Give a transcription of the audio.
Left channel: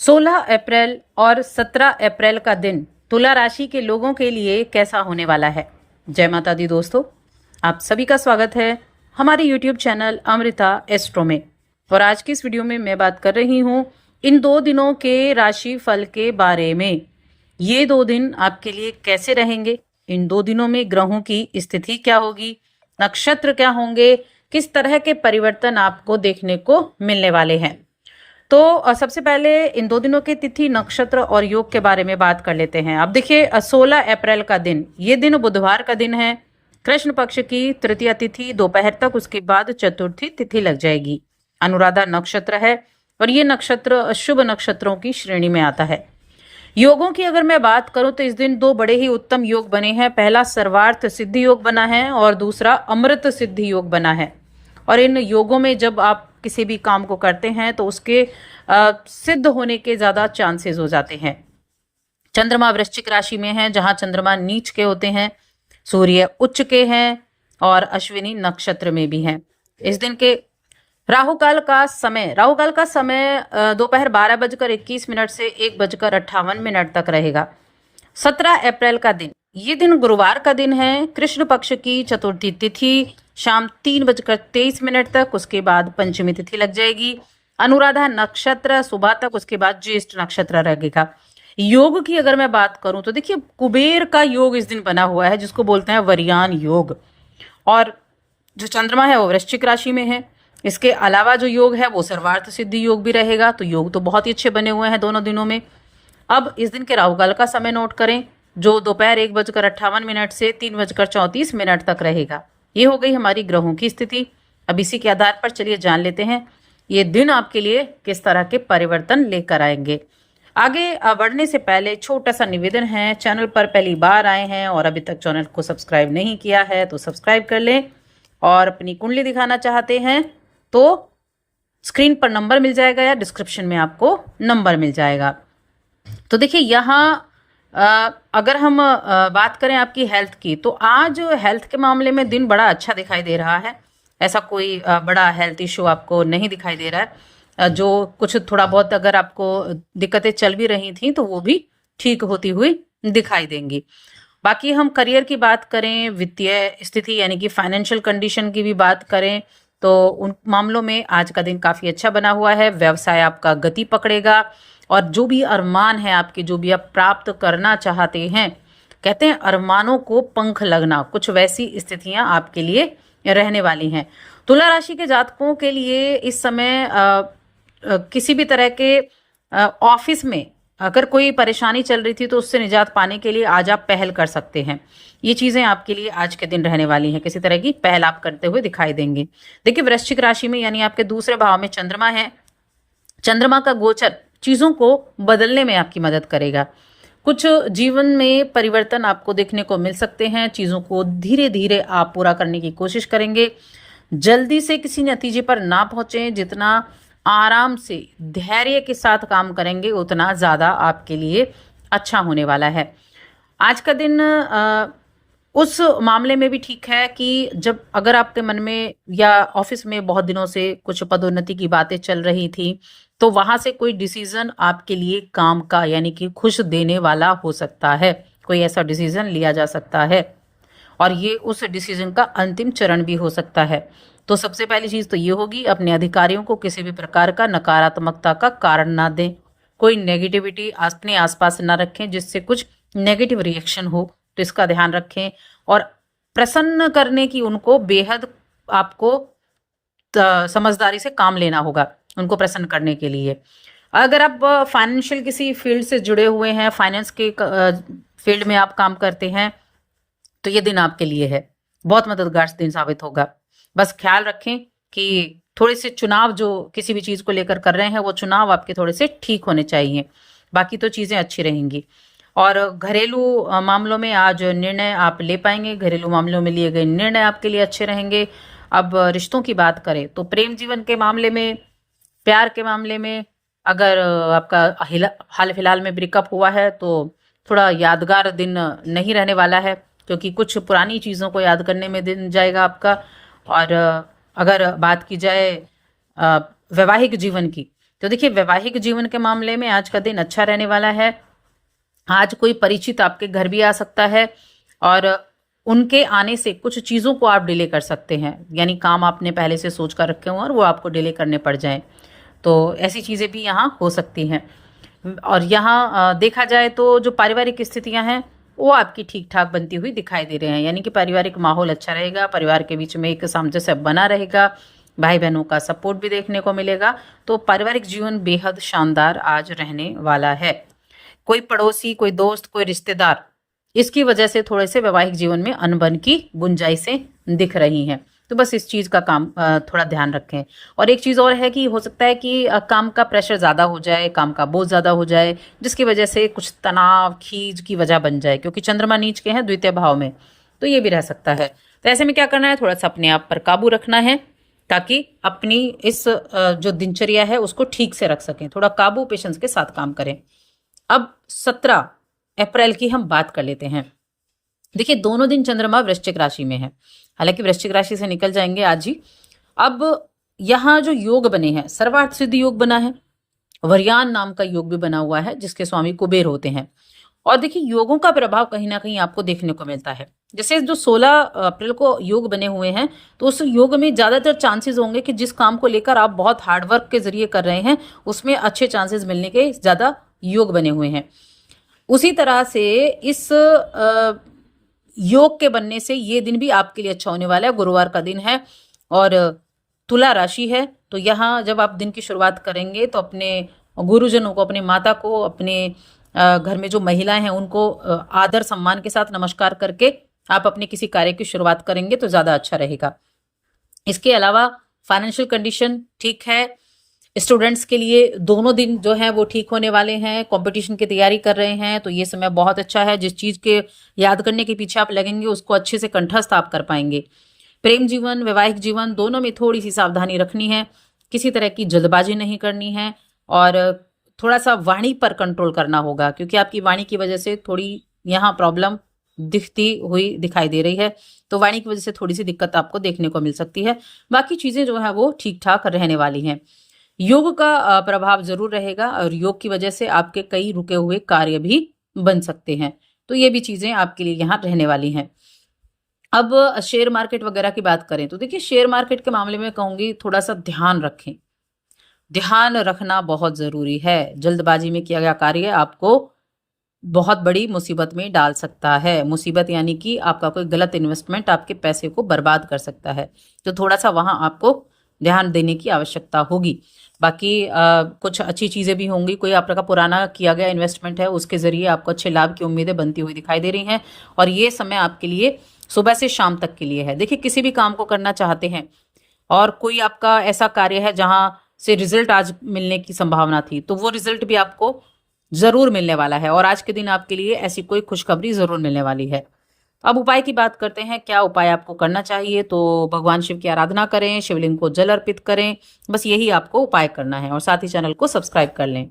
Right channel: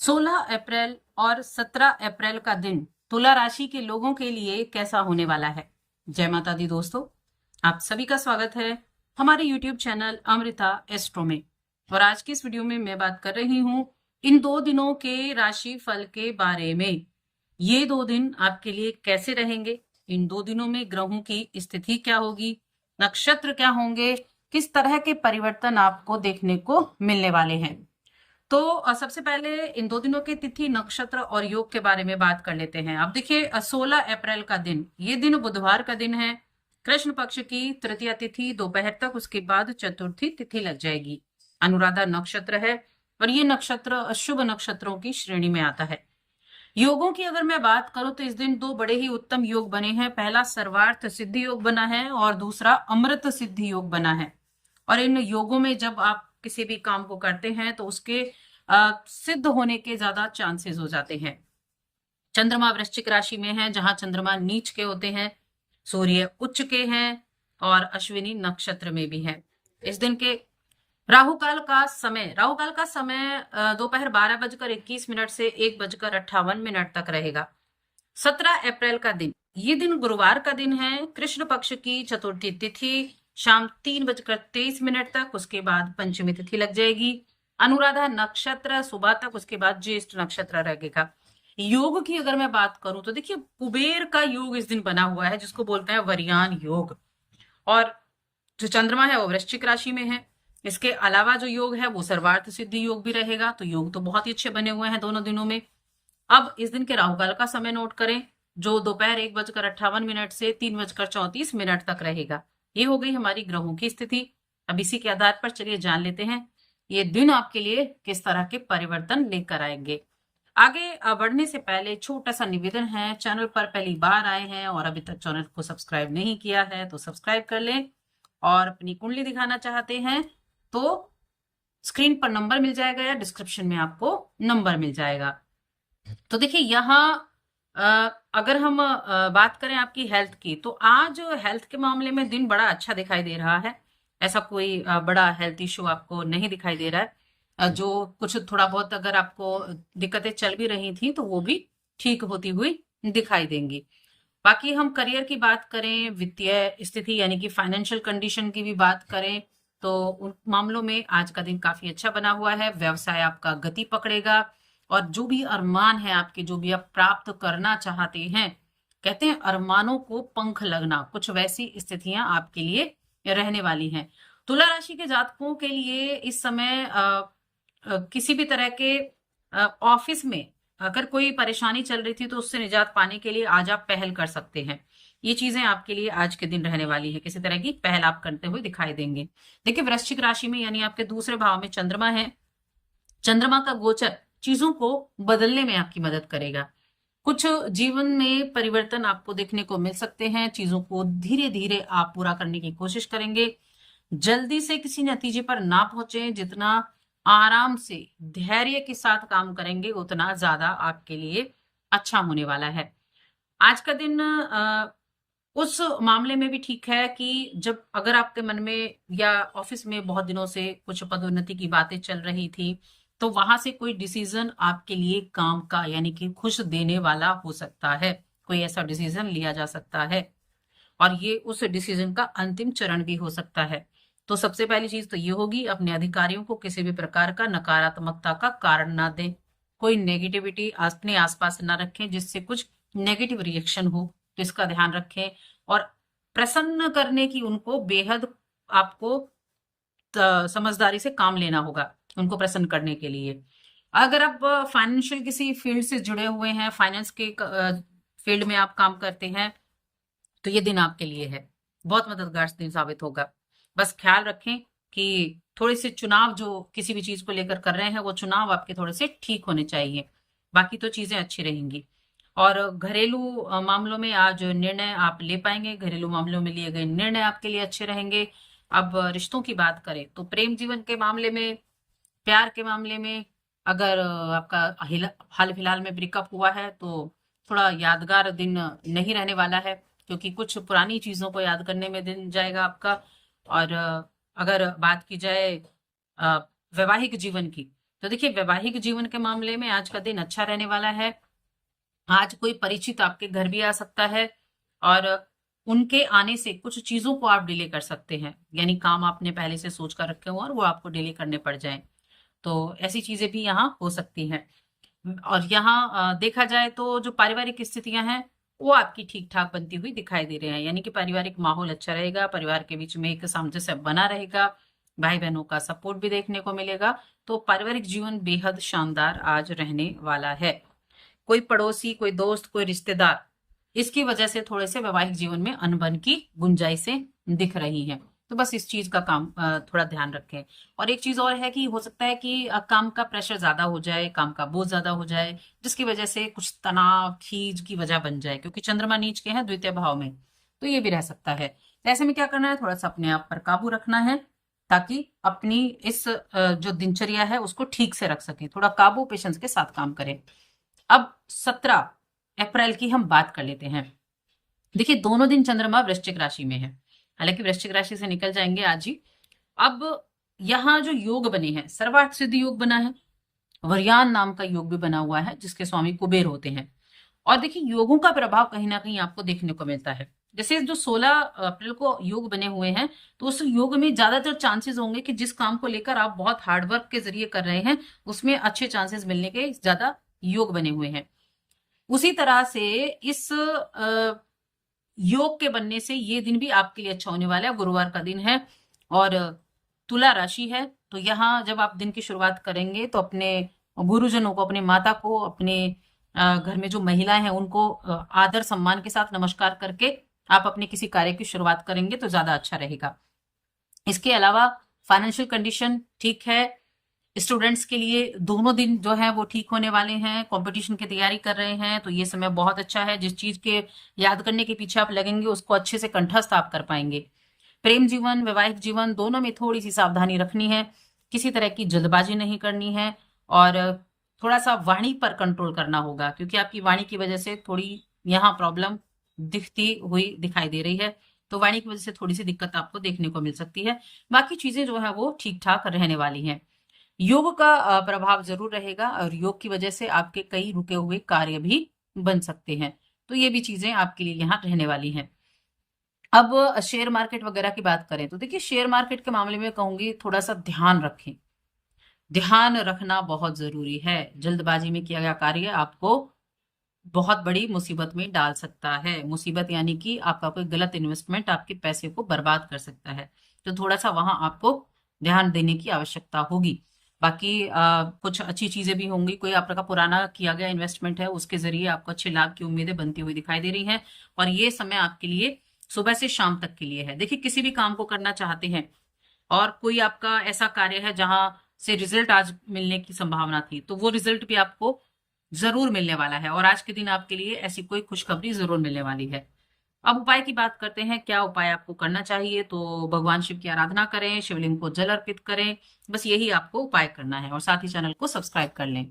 16 अप्रैल और 17 अप्रैल का दिन तुला राशि के लोगों के लिए कैसा होने वाला है। जय माता दी दोस्तों, आप सभी का स्वागत है हमारे YouTube चैनल अमृता एस्ट्रो में। और आज की इस वीडियो में मैं बात कर रही हूँ इन 2 दिनों के राशि फल के बारे में। ये 2 दिन आपके लिए कैसे रहेंगे, इन 2 दिनों में ग्रहों की स्थिति क्या होगी, नक्षत्र क्या होंगे, किस तरह के परिवर्तन आपको देखने को मिलने वाले हैं। तो सबसे पहले इन 2 दिनों के तिथि, नक्षत्र और योग के बारे में बात कर लेते हैं। अब देखिए 16 अप्रैल का दिन, ये दिन बुधवार का दिन है। कृष्ण पक्ष की तृतीया तिथि दोपहर तक, उसके बाद चतुर्थी तिथि लग जाएगी। अनुराधा नक्षत्र है और ये नक्षत्र शुभ नक्षत्रों की श्रेणी में आता है। योगों की अगर मैं बात करूं तो इस दिन 2 बड़े ही उत्तम योग बने हैं। पहला सर्वार्थ सिद्धि योग बना है और दूसरा अमृत सिद्धि योग बना है। और इन योगों में जब आप किसी भी काम को करते हैं तो उसके सिद्ध होने के ज्यादा चांसेस हो जाते हैं। चंद्रमा वृश्चिक राशि में है, जहां चंद्रमा नीच के होते हैं, सूर्य उच्च के हैं और अश्विनी नक्षत्र में भी हैं। इस दिन के राहु काल का समय दोपहर 12:21 से 1:58 तक रहेगा। 17 अप्रैल का दिन, ये दिन गुरुवार का दिन है। कृष्ण पक्ष की चतुर्थी तिथि शाम 3:23 तक, उसके बाद पंचमी तिथि लग जाएगी। अनुराधा नक्षत्र सुबह तक, उसके बाद ज्येष्ठ नक्षत्र रहेगा। योग की अगर मैं बात करूं तो देखिए कुबेर का योग इस दिन बना हुआ है, जिसको बोलते हैं वरयान योग। और जो चंद्रमा है वो वृश्चिक राशि में है। इसके अलावा जो योग है वो सर्वार्थ सिद्धि योग भी रहेगा। तो योग तो बहुत ही अच्छे बने हुए हैं दोनों दिनों में। अब इस दिन के राहु काल का समय नोट करें, जो दोपहर 1:58 से 3:34 तक रहेगा। ये हो गई हमारी ग्रहों की स्थिति। अब इसी के आधार पर चलिए जान लेते हैं ये दिन आपके लिए किस तरह के परिवर्तन लेकर आएंगे। आगे बढ़ने से पहले छोटा सा निवेदन है, चैनल पर पहली बार आए हैं और अभी तक चैनल को सब्सक्राइब नहीं किया है तो सब्सक्राइब कर लें। और अपनी कुंडली दिखाना चाहते हैं तो स्क्रीन पर नंबर मिल जाएगा या डिस्क्रिप्शन में आपको नंबर मिल जाएगा। तो देखिए यहाँ अगर हम बात करें आपकी हेल्थ की, तो आज हेल्थ के मामले में दिन बड़ा अच्छा दिखाई दे रहा है। ऐसा कोई बड़ा हेल्थ इश्यू आपको नहीं दिखाई दे रहा है। जो कुछ थोड़ा बहुत अगर आपको दिक्कतें चल भी रही थी तो वो भी ठीक होती हुई दिखाई देंगी। बाकी हम करियर की बात करें, वित्तीय स्थिति यानी कि फाइनेंशियल कंडीशन की भी बात करें तो उन मामलों में आज का दिन काफी अच्छा बना हुआ है। व्यवसाय आपका गति पकड़ेगा और जो भी अरमान है आपके, जो भी आप प्राप्त करना चाहते हैं, कहते हैं अरमानों को पंख लगना, कुछ वैसी स्थितियां आपके लिए रहने वाली हैं। तुला राशि के जातकों के लिए इस समय किसी भी तरह के ऑफिस में अगर कोई परेशानी चल रही थी तो उससे निजात पाने के लिए आज आप पहल कर सकते हैं। ये चीजें आपके लिए आज के दिन रहने वाली हैं, किसी तरह की पहल आप करते हुए दिखाई देंगे। देखिए वृश्चिक राशि में यानी आपके दूसरे भाव में चंद्रमा है। चंद्रमा का गोचर चीजों को बदलने में आपकी मदद करेगा। कुछ जीवन में परिवर्तन आपको देखने को मिल सकते हैं। चीजों को धीरे धीरे आप पूरा करने की कोशिश करेंगे। जल्दी से किसी नतीजे पर ना पहुंचे, जितना आराम से धैर्य के साथ काम करेंगे उतना ज्यादा आपके लिए अच्छा होने वाला है। आज का दिन उस मामले में भी ठीक है कि जब अगर आपके मन में या ऑफिस में बहुत दिनों से कुछ पदोन्नति की बातें चल रही थी तो वहां से कोई डिसीजन आपके लिए काम का यानी कि खुश देने वाला हो सकता है। कोई ऐसा डिसीजन लिया जा सकता है और ये उस डिसीजन का अंतिम चरण भी हो सकता है। तो सबसे पहली चीज तो ये होगी, अपने अधिकारियों को किसी भी प्रकार का नकारात्मकता का कारण ना दें। कोई नेगेटिविटी अपने आसपास ना रखें जिससे कुछ नेगेटिव रिएक्शन हो, तो इसका ध्यान रखें। और प्रसन्न करने की उनको बेहद आपको समझदारी से काम लेना होगा, उनको प्रसन्न करने के लिए। अगर आप फाइनेंशियल किसी फील्ड से जुड़े हुए हैं, फाइनेंस के फील्ड में आप काम करते हैं, तो ये दिन आपके लिए है, बहुत मददगार दिन साबित होगा। बस ख्याल रखें कि थोड़े से चुनाव जो किसी भी चीज को लेकर कर रहे हैं वो चुनाव आपके थोड़े से ठीक होने चाहिए, बाकी तो चीजें अच्छी रहेंगी। और घरेलू मामलों में आज निर्णय आप ले पाएंगे। घरेलू मामलों में लिए गए निर्णय आपके लिए अच्छे रहेंगे। अब रिश्तों की बात करें तो प्रेम जीवन के मामले में, प्यार के मामले में अगर आपका हाल फिलहाल में ब्रेकअप हुआ है तो थोड़ा यादगार दिन नहीं रहने वाला है, क्योंकि कुछ पुरानी चीजों को याद करने में दिन जाएगा आपका। और अगर बात की जाए वैवाहिक जीवन की, तो देखिए वैवाहिक जीवन के मामले में आज का दिन अच्छा रहने वाला है। आज कोई परिचित आपके घर भी आ सकता है और उनके आने से कुछ चीज़ों को आप डिले कर सकते हैं, यानी काम आपने पहले से सोच कर रखे हों और वो आपको डिले करने पड़ जाएं, तो ऐसी चीज़ें भी यहाँ हो सकती हैं। और यहाँ देखा जाए तो जो पारिवारिक स्थितियाँ हैं वो आपकी ठीक ठाक बनती हुई दिखाई दे रहे हैं, यानी कि पारिवारिक माहौल अच्छा रहेगा, परिवार के बीच में एक सामंजस्य बना रहेगा, भाई बहनों का सपोर्ट भी देखने को मिलेगा। तो पारिवारिक जीवन बेहद शानदार आज रहने वाला है। कोई पड़ोसी, कोई दोस्त, कोई रिश्तेदार, इसकी वजह से थोड़े से वैवाहिक जीवन में अनबन की गुंजाइशें दिख रही हैं, तो बस इस चीज का काम थोड़ा ध्यान रखें। और एक चीज और है कि हो सकता है कि काम का प्रेशर ज्यादा हो जाए, काम का बोझ ज्यादा हो जाए, जिसकी वजह से कुछ तनाव खींच की वजह बन जाए, क्योंकि चंद्रमा नीच के हैं द्वितीय भाव में, तो ये भी रह सकता है। तो ऐसे में क्या करना है, थोड़ा सा अपने आप पर काबू रखना है ताकि अपनी इस जो दिनचर्या है उसको ठीक से रख सकें। थोड़ा काबू पेशेंस के साथ काम करें। अब 17 अप्रैल की हम बात कर लेते हैं। देखिए दोनों दिन चंद्रमा वृश्चिक राशि में है, हालांकि वृश्चिक राशि से निकल जाएंगे आज ही। अब यहाँ जो योग बने हैं, सर्वार्थ सिद्धि योग बना है, वरयान नाम का योग भी बना हुआ है जिसके स्वामी कुबेर होते हैं। और देखिए योगों का प्रभाव कहीं ना कहीं आपको देखने को मिलता है। जैसे जो 16 अप्रैल को योग बने हुए हैं, तो उस योग में ज्यादातर चांसेस होंगे कि जिस काम को लेकर आप बहुत हार्डवर्क के जरिए कर रहे हैं उसमें अच्छे चांसेस मिलने के ज्यादा योग बने हुए हैं। उसी तरह से इस योग के बनने से ये दिन भी आपके लिए अच्छा होने वाला है। गुरुवार का दिन है और तुला राशि है, तो यहाँ जब आप दिन की शुरुआत करेंगे तो अपने गुरुजनों को, अपने माता को, अपने घर में जो महिलाएं हैं उनको आदर सम्मान के साथ नमस्कार करके आप अपने किसी कार्य की शुरुआत करेंगे तो ज्यादा अच्छा रहेगा। इसके अलावा फाइनेंशियल कंडीशन ठीक है। स्टूडेंट्स के लिए दोनों दिन जो है वो ठीक होने वाले हैं। कंपटीशन की तैयारी कर रहे हैं तो ये समय बहुत अच्छा है। जिस चीज के याद करने के पीछे आप लगेंगे उसको अच्छे से कंठस्थ आप कर पाएंगे। प्रेम जीवन, वैवाहिक जीवन दोनों में थोड़ी सी सावधानी रखनी है, किसी तरह की जल्दबाजी नहीं करनी है और थोड़ा सा वाणी पर कंट्रोल करना होगा, क्योंकि आपकी वाणी की वजह से थोड़ी यहाँ प्रॉब्लम दिखती हुई दिखाई दे रही है, तो वाणी की वजह से थोड़ी सी दिक्कत आपको देखने को मिल सकती है। बाकी चीजें जो है वो ठीक ठाक रहने वाली हैं। योग का प्रभाव जरूर रहेगा और योग की वजह से आपके कई रुके हुए कार्य भी बन सकते हैं, तो ये भी चीजें आपके लिए यहाँ रहने वाली हैं। अब शेयर मार्केट वगैरह की बात करें तो देखिए शेयर मार्केट के मामले में कहूंगी थोड़ा सा ध्यान रखें। ध्यान रखना बहुत जरूरी है। जल्दबाजी में किया गया कार्य आपको बहुत बड़ी मुसीबत में डाल सकता है। मुसीबत यानी कि आपका कोई गलत इन्वेस्टमेंट आपके पैसे को बर्बाद कर सकता है, तो थोड़ा सा वहां आपको ध्यान देने की आवश्यकता होगी। बाकी कुछ अच्छी चीजें भी होंगी। कोई आपका पुराना किया गया इन्वेस्टमेंट है उसके जरिए आपको अच्छे लाभ की उम्मीदें बनती हुई दिखाई दे रही हैं और ये समय आपके लिए सुबह से शाम तक के लिए है। देखिए किसी भी काम को करना चाहते हैं और कोई आपका ऐसा कार्य है जहां से रिजल्ट आज मिलने की संभावना थी, तो वो रिजल्ट भी आपको जरूर मिलने वाला है और आज के दिन आपके लिए ऐसी कोई खुशखबरी जरूर मिलने वाली है। अब उपाय की बात करते हैं, क्या उपाय आपको करना चाहिए। तो भगवान शिव की आराधना करें, शिवलिंग को जल अर्पित करें, बस यही आपको उपाय करना है और साथ ही चैनल को सब्सक्राइब कर लें।